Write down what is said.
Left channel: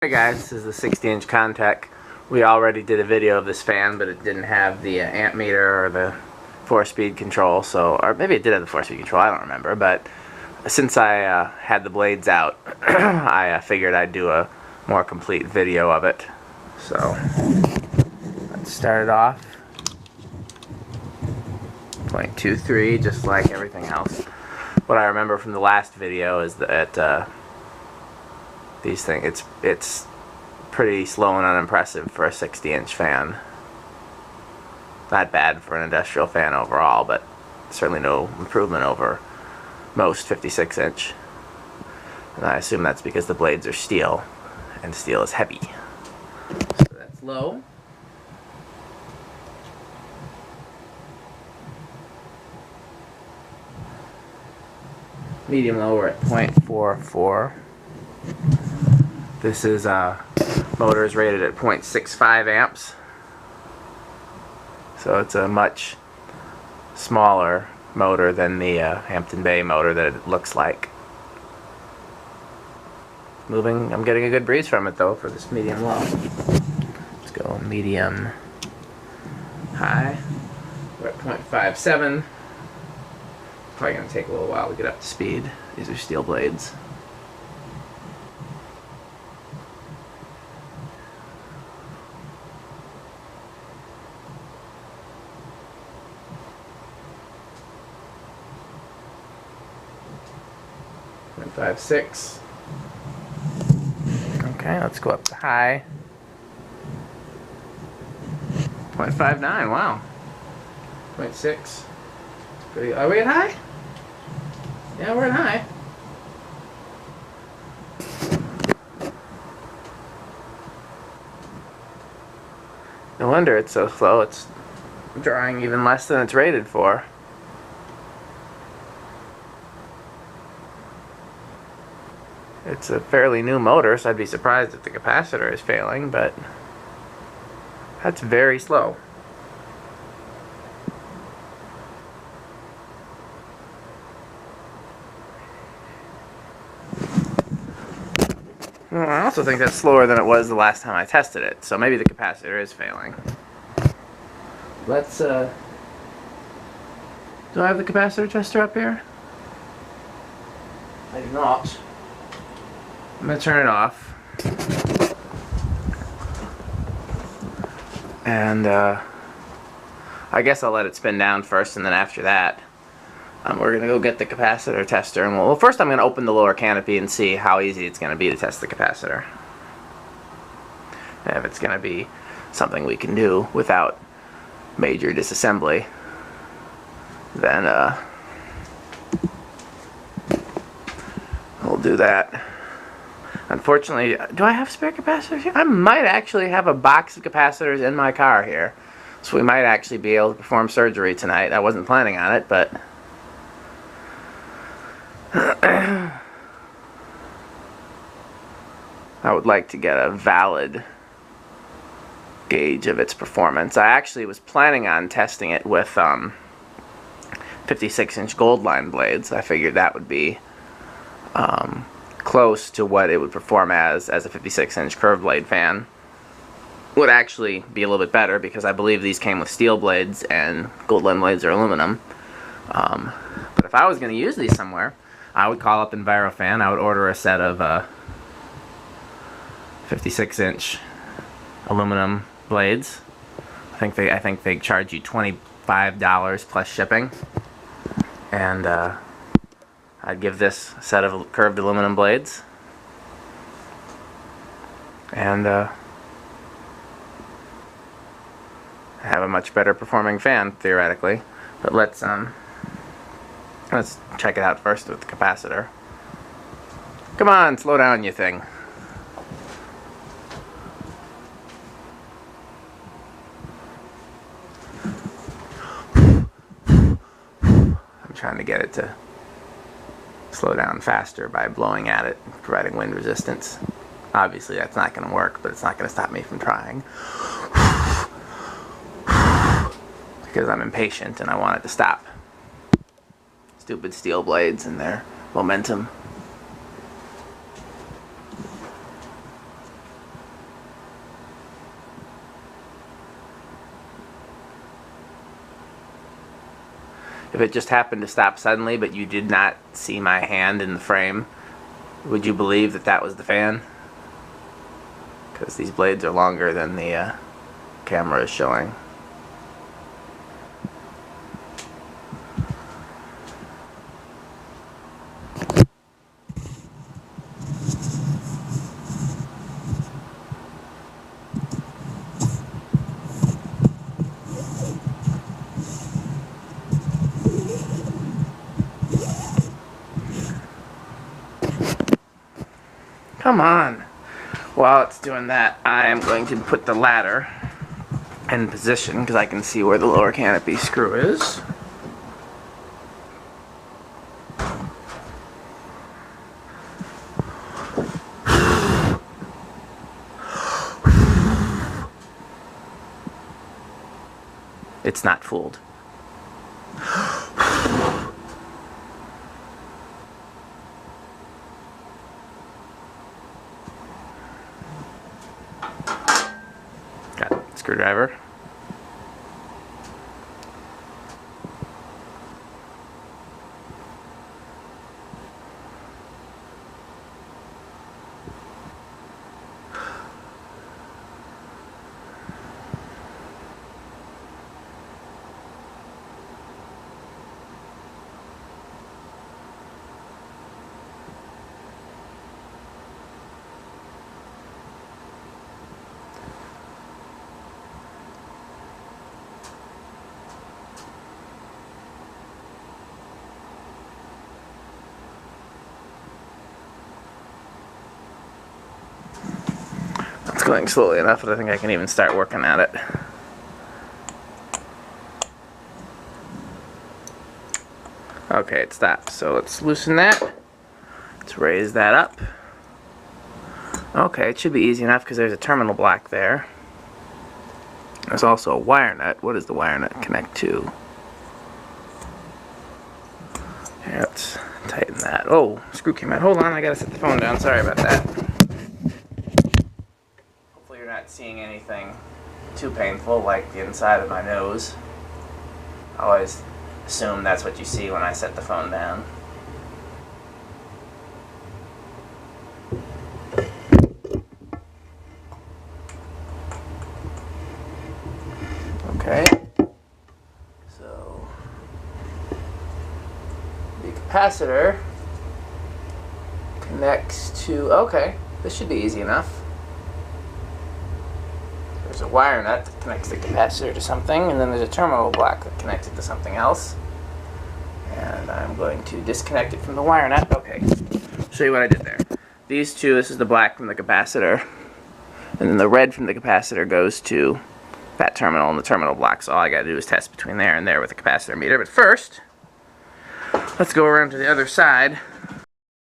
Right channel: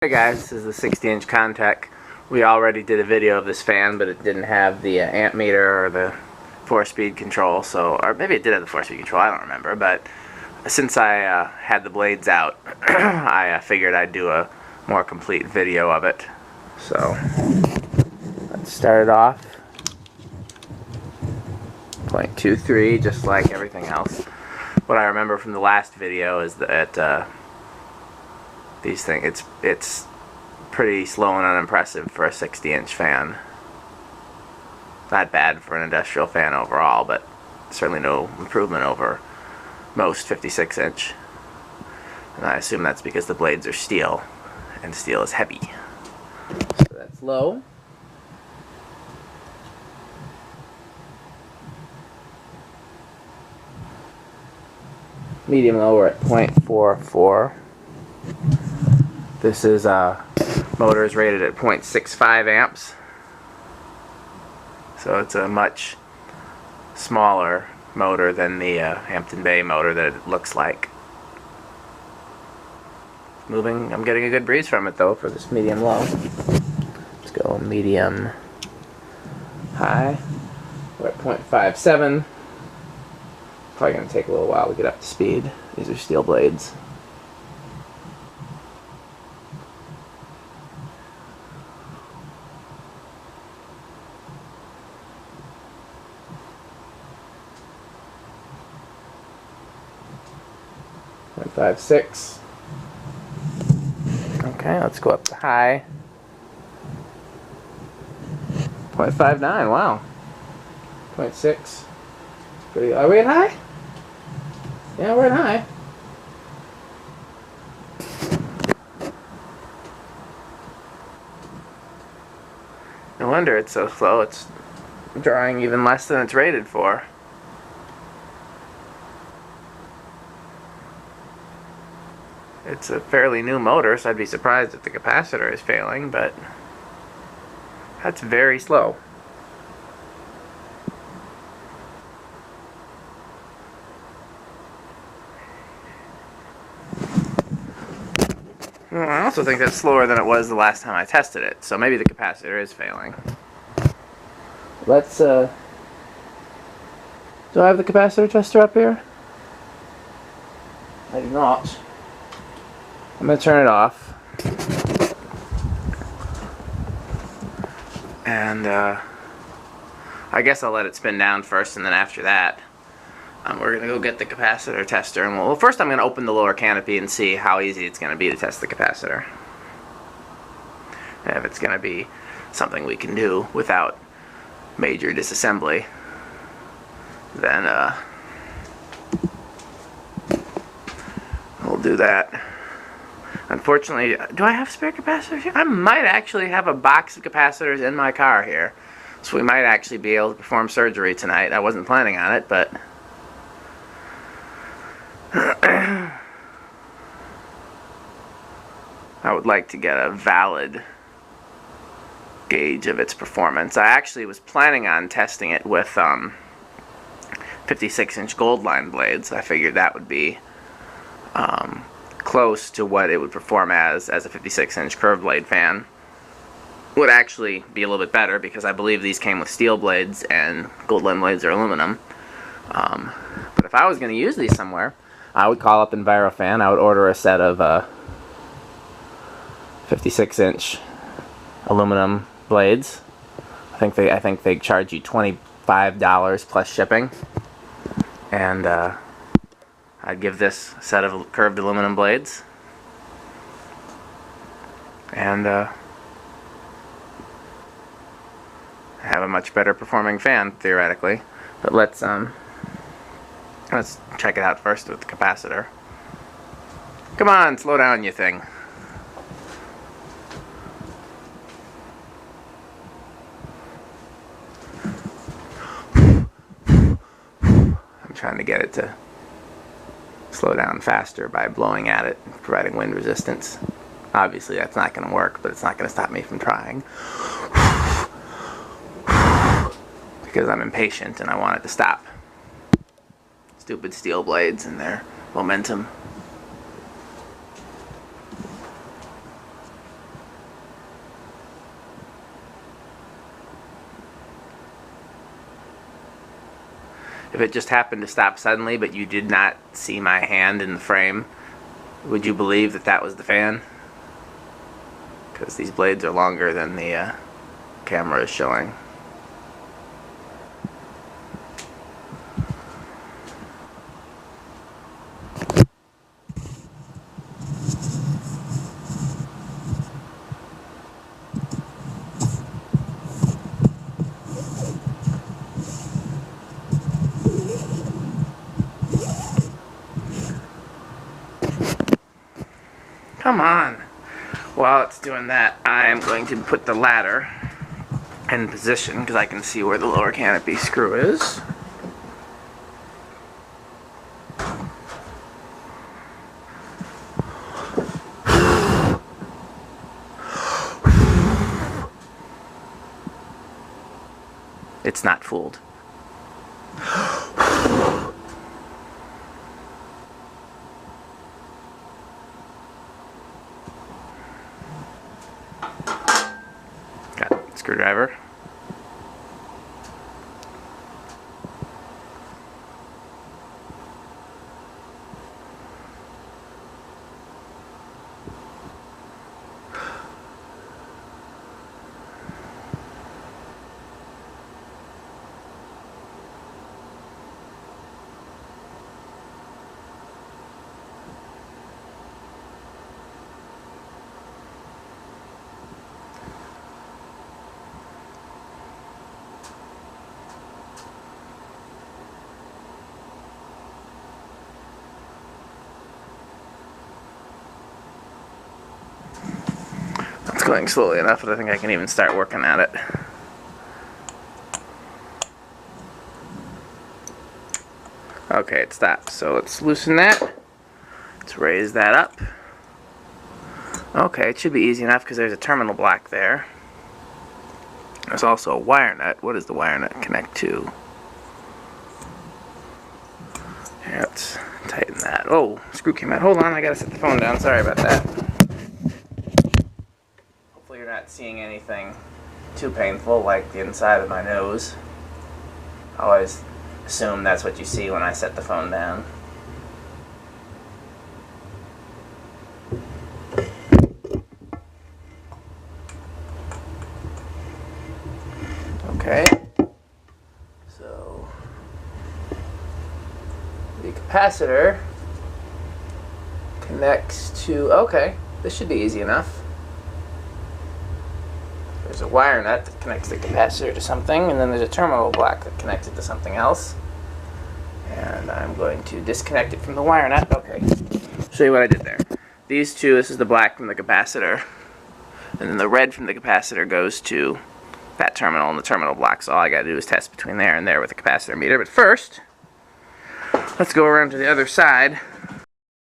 Hey guys, this is the 60-inch Contech. We already did a video of this fan, but it didn't have the amp meter or the 4-speed control, or maybe it did have the 4-speed control, I don't remember, but since I had the blades out, I figured I'd do a more complete video of it. So, let's start it off. 0.23, just like everything else. What I remember from the last video is that these things, it's pretty slow and unimpressive for a 60-inch fan. Not bad for an industrial fan overall, but certainly no improvement over most 56-inch. And I assume that's because the blades are steel, and steel is heavy. So that's low. Medium low, we're at 0.44. This is motor is rated at 0.65 amps, so it's a much smaller motor than the Hampton Bay motor that it looks like. Moving, I'm getting a good breeze from it though for this medium low. Let's go medium high. We're at 0.57. Probably going to take a little while to get up to speed. These are steel blades. .56. Okay, let's go up to high. 0.59. Wow. 0.6. Pretty. Are we at high? Yeah, we're at high. No wonder it's so slow. It's drawing even less than it's rated for. It's a fairly new motor, so I'd be surprised if the capacitor is failing, but that's very slow. Well, I also think that's slower than it was the last time I tested it, so maybe the capacitor is failing. Let's, do I have the capacitor tester up here? I do not. I'm going to turn it off. And, I guess I'll let it spin down first, and then after that, we're going to go get the capacitor tester. And well, first I'm going to open the lower canopy and see how easy it's going to be to test the capacitor. And if it's going to be something we can do without major disassembly, then, we'll do that. Unfortunately, do I have spare capacitors here? I might actually have a box of capacitors in my car here. So we might actually be able to perform surgery tonight. I wasn't planning on it, but I would like to get a valid gauge of its performance. I actually was planning on testing it with 56-inch gold line blades. I figured that would be close to what it would perform as a 56-inch curved blade fan. Would actually be a little bit better because I believe these came with steel blades and gold line blades are aluminum. But if I was going to use these somewhere, I would call up EnviroFan. I would order a set of 56-inch aluminum blades. I think they charge you $25 plus shipping, and I'd give this set of curved aluminum blades, and have a much better performing fan theoretically. But let's check it out first with the capacitor. Come on, slow down, you thing. I'm trying to get it to slow down faster by blowing at it, providing wind resistance. Obviously that's not going to work, but it's not going to stop me from trying. Because I'm impatient and I want it to stop. Stupid steel blades and their momentum. if it just happened to stop suddenly, but you did not see my hand in the frame, would you believe that that was the fan? Because these blades are longer than the camera is showing. Come on. While it's doing that, I am going to put the ladder in position because I can see where the lower canopy screw is. It's not fooled. Got it. Screwdriver. It's going slowly enough that I think I can even start working at it. Okay, it stopped. So let's loosen that. Let's raise that up. Okay, it should be easy enough because there's a terminal block there. There's also a wire nut. What does the wire nut connect to? Here, let's tighten that. Oh, screw came out. Hold on, I gotta set the phone down. Sorry about that. Hopefully you're not seeing anything too painful like the inside of my nose. I always assume that's what you see when I set the phone down. Okay, so the capacitor connects to, okay, this should be easy enough. There's a wire nut that connects the capacitor to something, and then there's a terminal block that connects it to something else. And I'm going to disconnect it from the wire nut. Okay, show you what I did there. These two, this is the black from the capacitor, and then the red from the capacitor goes to that terminal and the terminal block. So all I gotta do is test between there and there with the capacitor meter. But first, let's go around to the other side